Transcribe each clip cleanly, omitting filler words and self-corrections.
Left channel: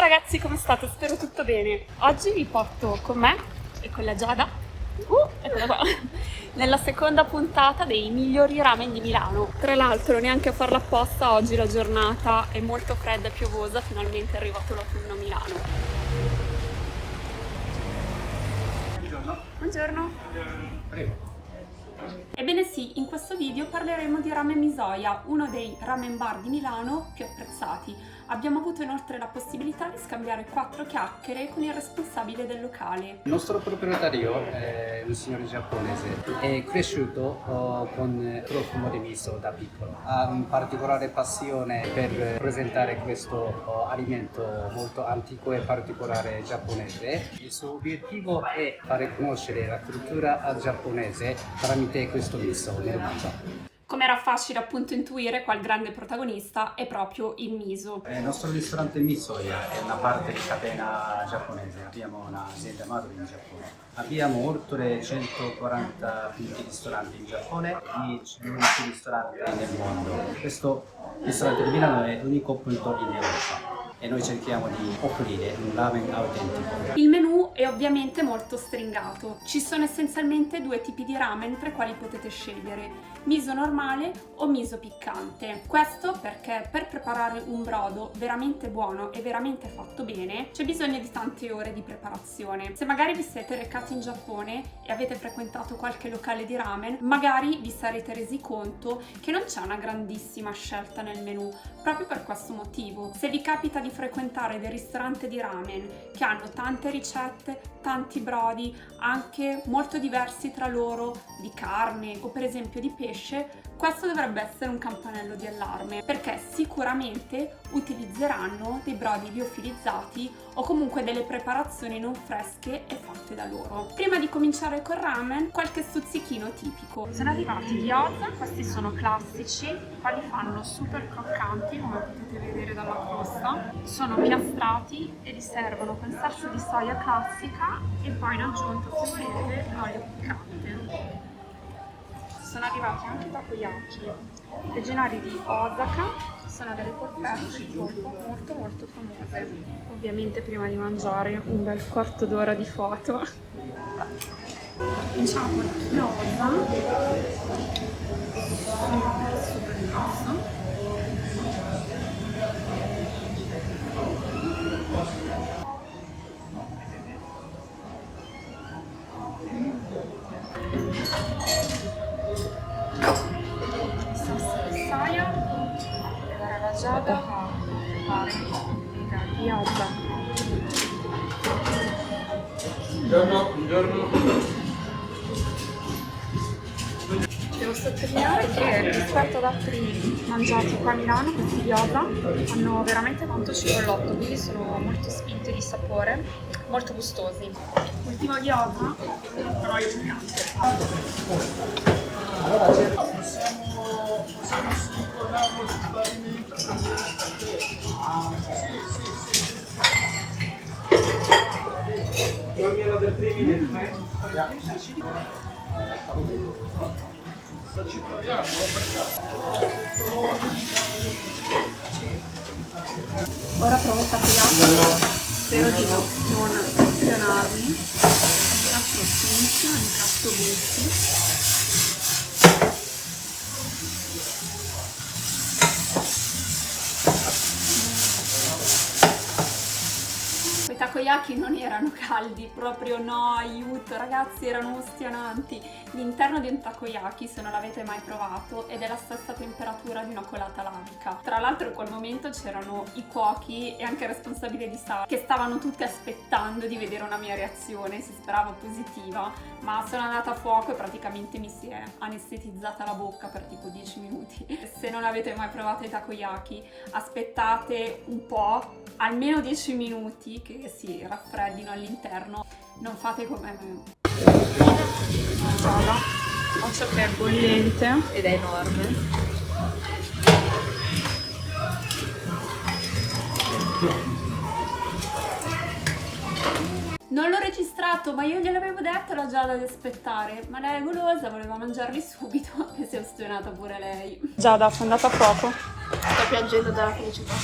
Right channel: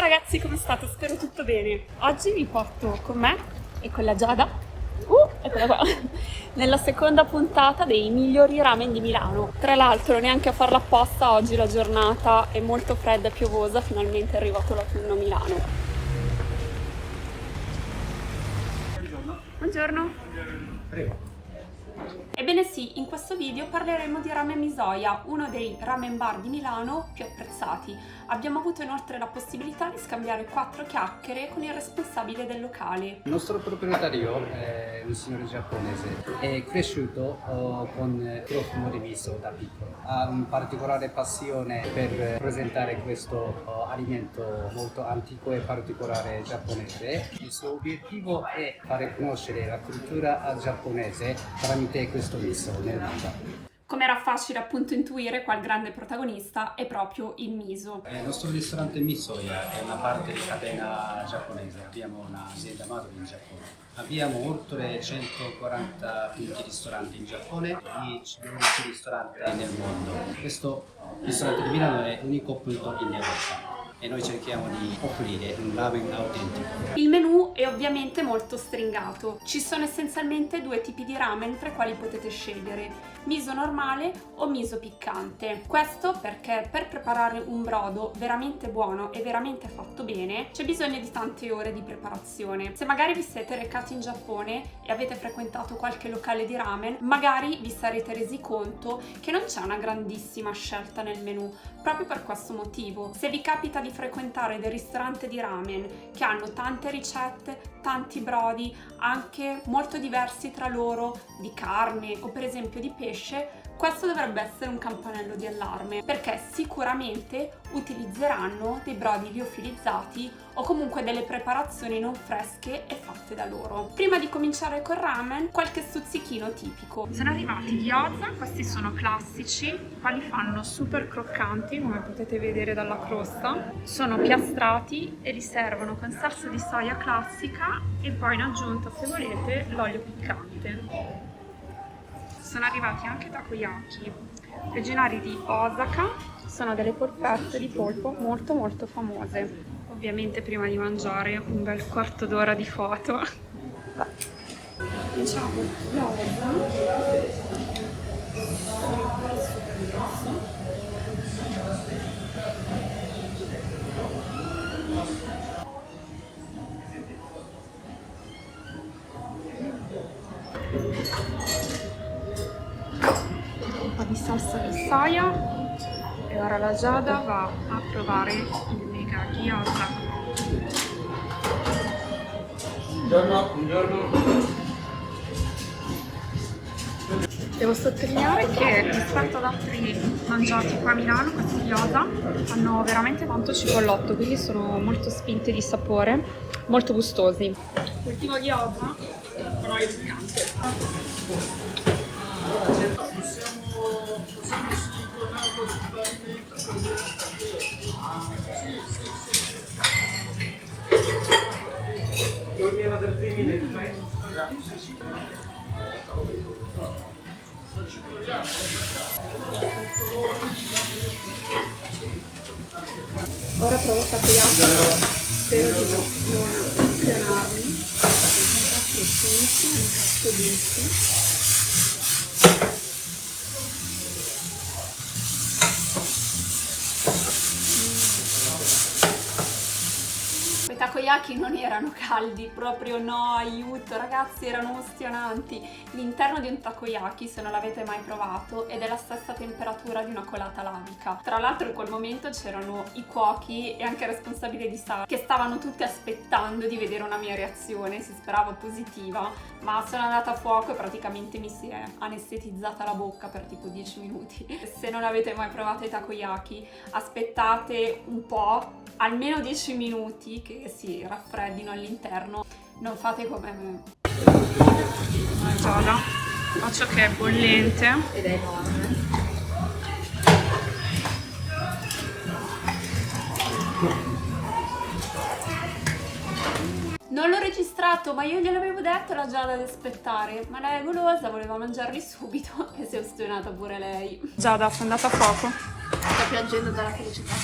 Ciao ragazzi, come state? Spero tutto bene. Oggi vi porto con me e con la Giada, eccola qua, nella seconda puntata dei migliori ramen di Milano. Tra l'altro, neanche a farla apposta, oggi la giornata è molto fredda e piovosa, finalmente è arrivato l'autunno a Milano. Buongiorno. Buongiorno. Prego. Ebbene sì, in questo video parleremo di Ramen Misoia, uno dei ramen bar di Milano più apprezzati. Abbiamo avuto inoltre la possibilità di scambiare 4 chiacchiere con il responsabile del locale. Il nostro proprietario è un signore giapponese, è cresciuto con profumo di miso da piccolo. Ha una particolare passione per presentare questo alimento molto antico e particolare giapponese. Il suo obiettivo è fare conoscere la cultura giapponese tramite questo miso nel mondo. Come era facile appunto intuire, qua il grande protagonista è proprio il miso. Il nostro ristorante Misoya è una parte di catena giapponese, abbiamo un'azienda madre in Giappone. Abbiamo oltre 140 punti ristoranti in Giappone e 12 ristoranti nel mondo. Questo ristorante di Milano è l'unico punto in Europa e noi cerchiamo di offrire un ramen autentico. Il menù è ovviamente molto stringato. Ci sono essenzialmente 2 tipi di ramen tra i quali potete scegliere: miso normale o miso piccante. Questo perché per preparare un brodo veramente buono e veramente fatto bene c'è bisogno di tante ore di preparazione. Se magari vi siete recati in Giappone e avete frequentato qualche locale di ramen, magari vi sarete resi conto che non c'è una grandissima scelta nel menù, proprio per questo motivo. Se vi capita di frequentare dei ristoranti di ramen che hanno tante ricette, tanti brodi, anche molto diversi tra loro, di carne o per esempio di pesce, questo dovrebbe essere un campanello di allarme, perché sicuramente utilizzeranno dei brodi liofilizzati o comunque delle preparazioni non fresche e fatte da loro. Prima di cominciare col ramen, qualche stuzzichino tipico. Sono arrivati gli gyoza, questi sono classici, qua li fanno super croccanti, come potete vedere dalla crosta. Sono piastrati e li servono con salsa di soia classica e poi in aggiunta, se volete, l'olio piccante. Sono arrivati anche takoyaki originari di Osaka, sono delle polpette di polpo molto famose. Ovviamente prima di mangiare un bel quarto d'ora di foto. Cominciamo con il gyoza, super grosso. Di salsa di soia e ora la Giada va a provare il mega gyoza. Buongiorno. Devo sottolineare che rispetto ad altri mangiati qua a Milano, questi gyoza hanno veramente tanto cipollotto, quindi sono molto spinti di sapore, molto gustosi. Ultimo gyoza con olio piccante. Ora provo il takoyaki, spero di non emozionarmi. Incastro finissimo, incastro gusti. I takoyaki non erano caldi, proprio no, aiuto ragazzi, erano emozionanti. L'interno di un takoyaki, se non l'avete mai provato, è della stessa temperatura di una colata lavica. Tra l'altro in quel momento c'erano i cuochi e anche il responsabile di sala che stavano tutti aspettando di vedere una mia reazione, si sperava positiva, ma sono andata a fuoco e praticamente mi si è anestetizzata la bocca per tipo 10 minuti. Se non avete mai provato i takoyaki, aspettate un po', almeno 10 minuti che si raffreddino all'interno, non fate come me. Ora faccio che è bollente ed è enorme. Non l'ho registrato, ma io gliel'avevo detto alla Giada di aspettare, ma lei è golosa, voleva mangiarli subito e si è ostinata pure lei. Giada, sei andata a fuoco. Sto piangendo dalla felicità.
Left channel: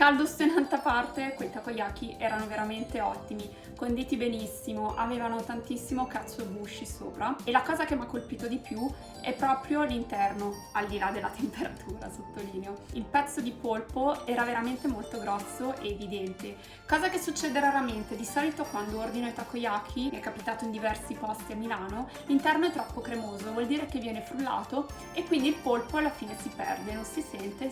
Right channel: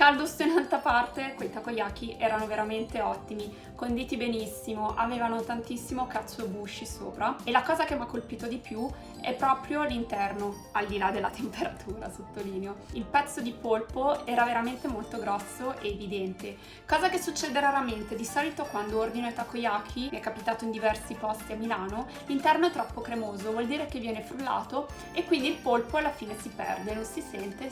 Caldo stenante a parte, quei takoyaki erano veramente ottimi, conditi benissimo, avevano tantissimo katsuobushi sopra e la cosa che mi ha colpito di più è proprio l'interno, al di là della temperatura, sottolineo. Il pezzo di polpo era veramente molto grosso e evidente, cosa che succede raramente. Di solito quando ordino i takoyaki, mi è capitato in diversi posti a Milano, l'interno è troppo cremoso, vuol dire che viene frullato e quindi il polpo alla fine si perde, non si sente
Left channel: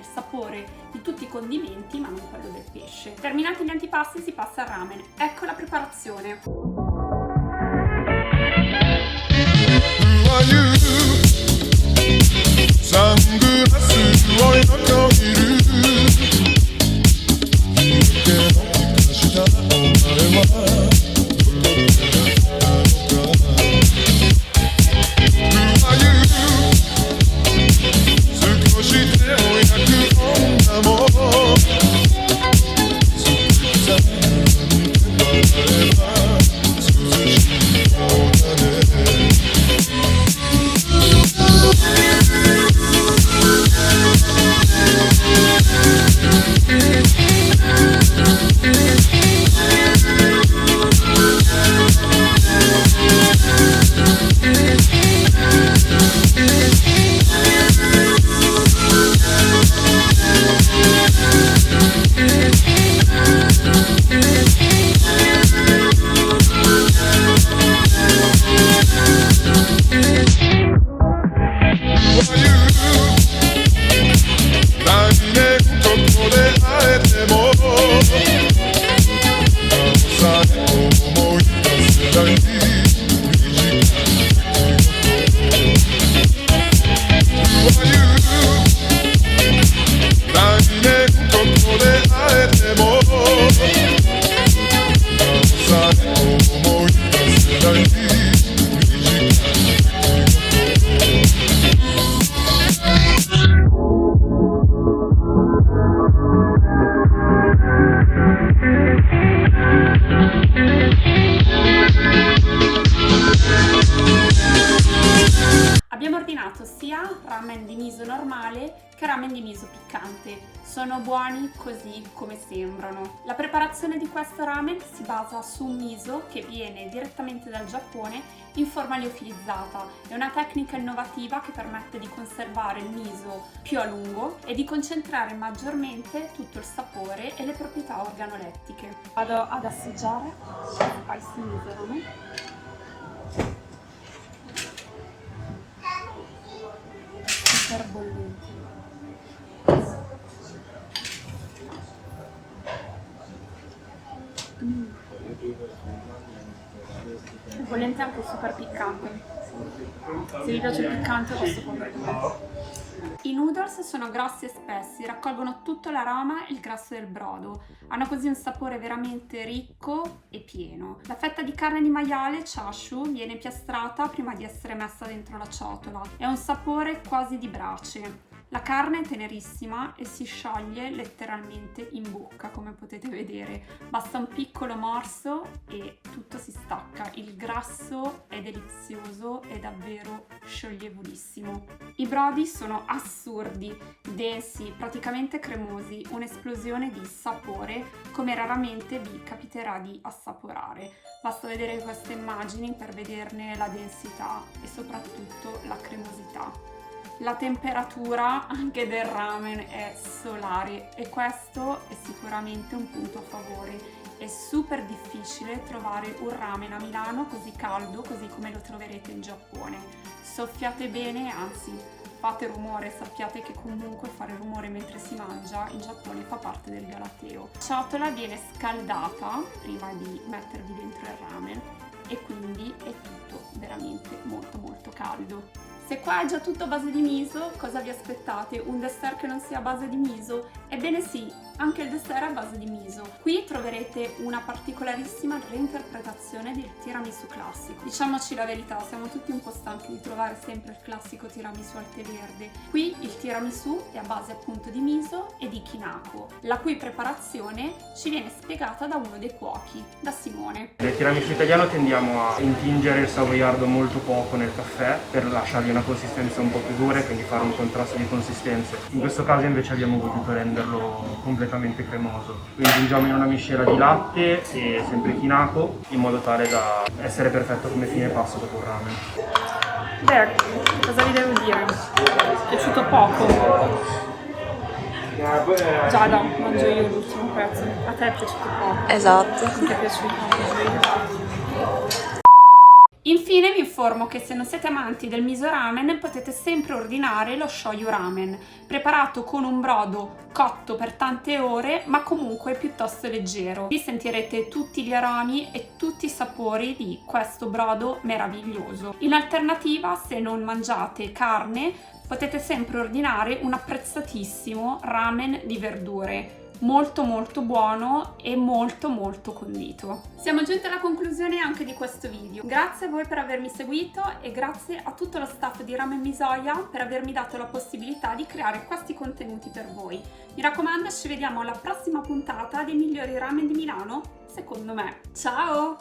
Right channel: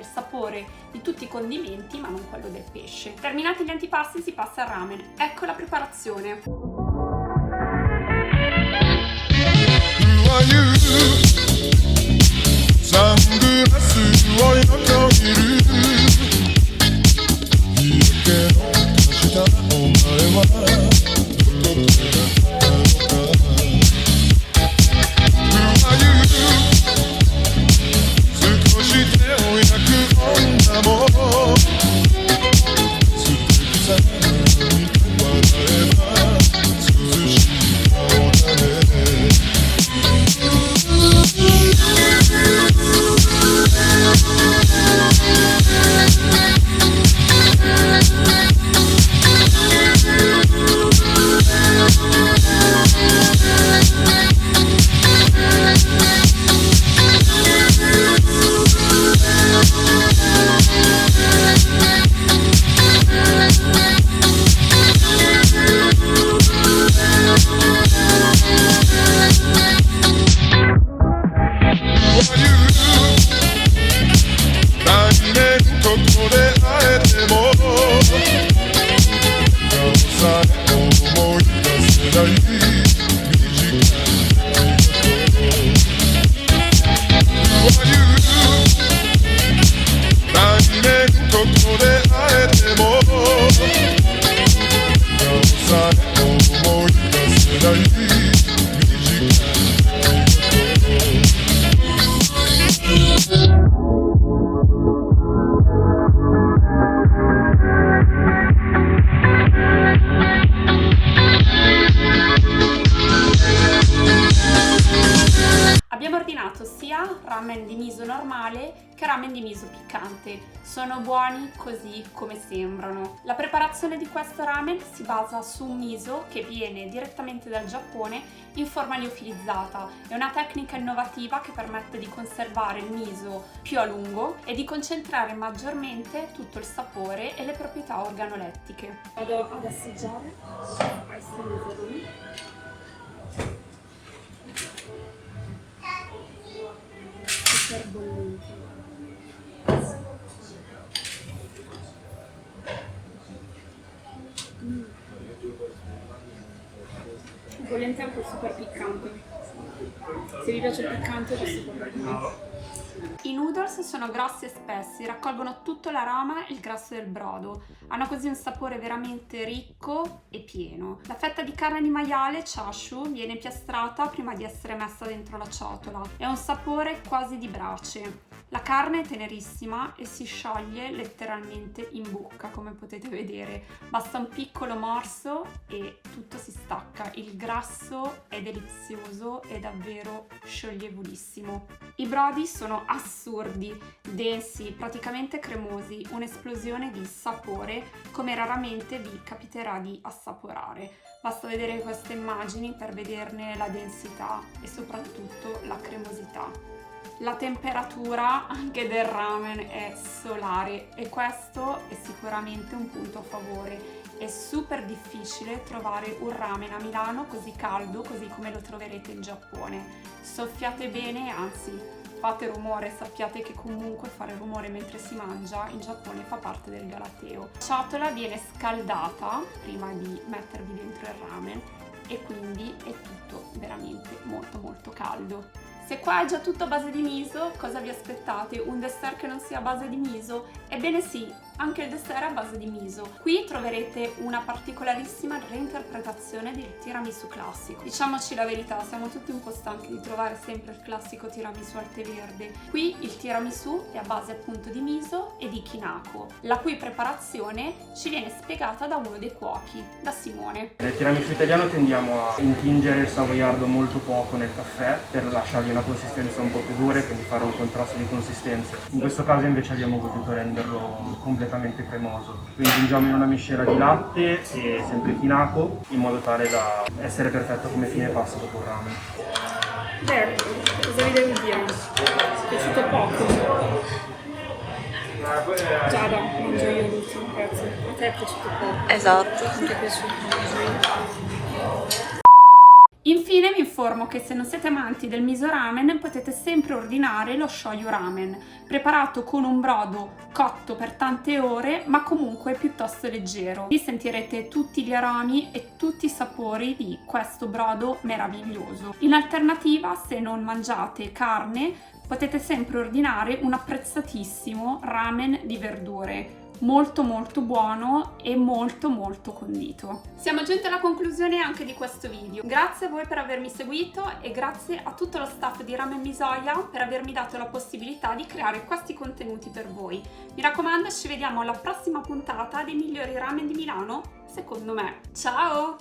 il sapore di tutti i condimenti ma non quello del pesce. Terminati gli antipasti si passa al ramen. Ecco la preparazione. Ramen di miso normale che ramen di miso piccante. Sono buoni così come sembrano. La preparazione di questo ramen si basa su un miso che viene direttamente dal Giappone in forma liofilizzata. È una tecnica innovativa che permette di conservare il miso più a lungo e di concentrare maggiormente tutto il sapore e le proprietà organolettiche. Vado ad assaggiare spicy miso ramen. Super bollente. È bollente anche super piccante. Se vi piace il piccante questo può bene. I noodles sono grossi e spessi, raccolgono tutto l'aroma e il grasso del brodo. Hanno così un sapore veramente ricco e pieno. La fetta di carne di maiale, chashu, viene piastrata prima di essere messa dentro la ciotola. È un sapore quasi di brace. La carne è tenerissima e si scioglie letteralmente in bocca, come potete vedere. Basta un piccolo morso e tutto si stacca. Il grasso è delizioso e davvero scioglievolissimo. I brodi sono assurdi, densi, praticamente cremosi, un'esplosione di sapore come raramente vi capiterà di assaporare. Basta vedere queste immagini per vederne la densità e soprattutto la cremosità. La temperatura anche del ramen è solare e questo è sicuramente un punto a favore. È super difficile trovare un ramen a Milano così caldo, così come lo troverete in Giappone. Soffiate bene, anzi fate rumore, sappiate che comunque fare rumore mentre si mangia in Giappone fa parte del galateo. La ciotola viene scaldata prima di mettervi dentro il ramen e quindi è tutto veramente molto caldo. Se qua è già tutto a base di miso, cosa vi aspettate? Un dessert che non sia a base di miso? Ebbene sì, anche il dessert è a base di miso. Qui troverete una particolarissima reinterpretazione del tiramisù classico. Diciamoci la verità, siamo tutti un po' stanchi di trovare sempre il classico tiramisù al tè verde. Qui il tiramisù è a base appunto di miso e di kinako, la cui preparazione ci viene spiegata da uno dei cuochi, da Simone. Nel tiramisù italiano tendiamo a intingere il savoiardo molto poco nel caffè per lasciargli una una consistenza un po' più dura e quindi fare un contrasto di consistenze. In questo caso invece abbiamo voluto renderlo completamente cremoso, quindi aggiungiamo in una miscela di latte e sempre chinaco in modo tale da essere perfetto come fine pasto dopo un ramen. Beh, cosa vi devo dire? Mi è piaciuto poco. Giada, mangio io l'ultimo pezzo. A te è piaciuto poco? Esatto. Non ti è piaciuto? Mangio io. Infine vi informo che se non siete amanti del miso ramen potete sempre ordinare lo shoyu ramen, preparato con un brodo cotto per tante ore ma comunque piuttosto leggero. Vi sentirete tutti gli aromi e tutti i sapori di questo brodo meraviglioso. In alternativa, se non mangiate carne, potete sempre ordinare un apprezzatissimo ramen di verdure. Molto buono e molto condito. Siamo giunti alla conclusione anche di questo video. Grazie a voi per avermi seguito e grazie a tutto lo staff di Ramen Misoya per avermi dato la possibilità di creare questi contenuti per voi. Mi raccomando, ci vediamo alla prossima puntata dei migliori ramen di Milano, secondo me. Ciao!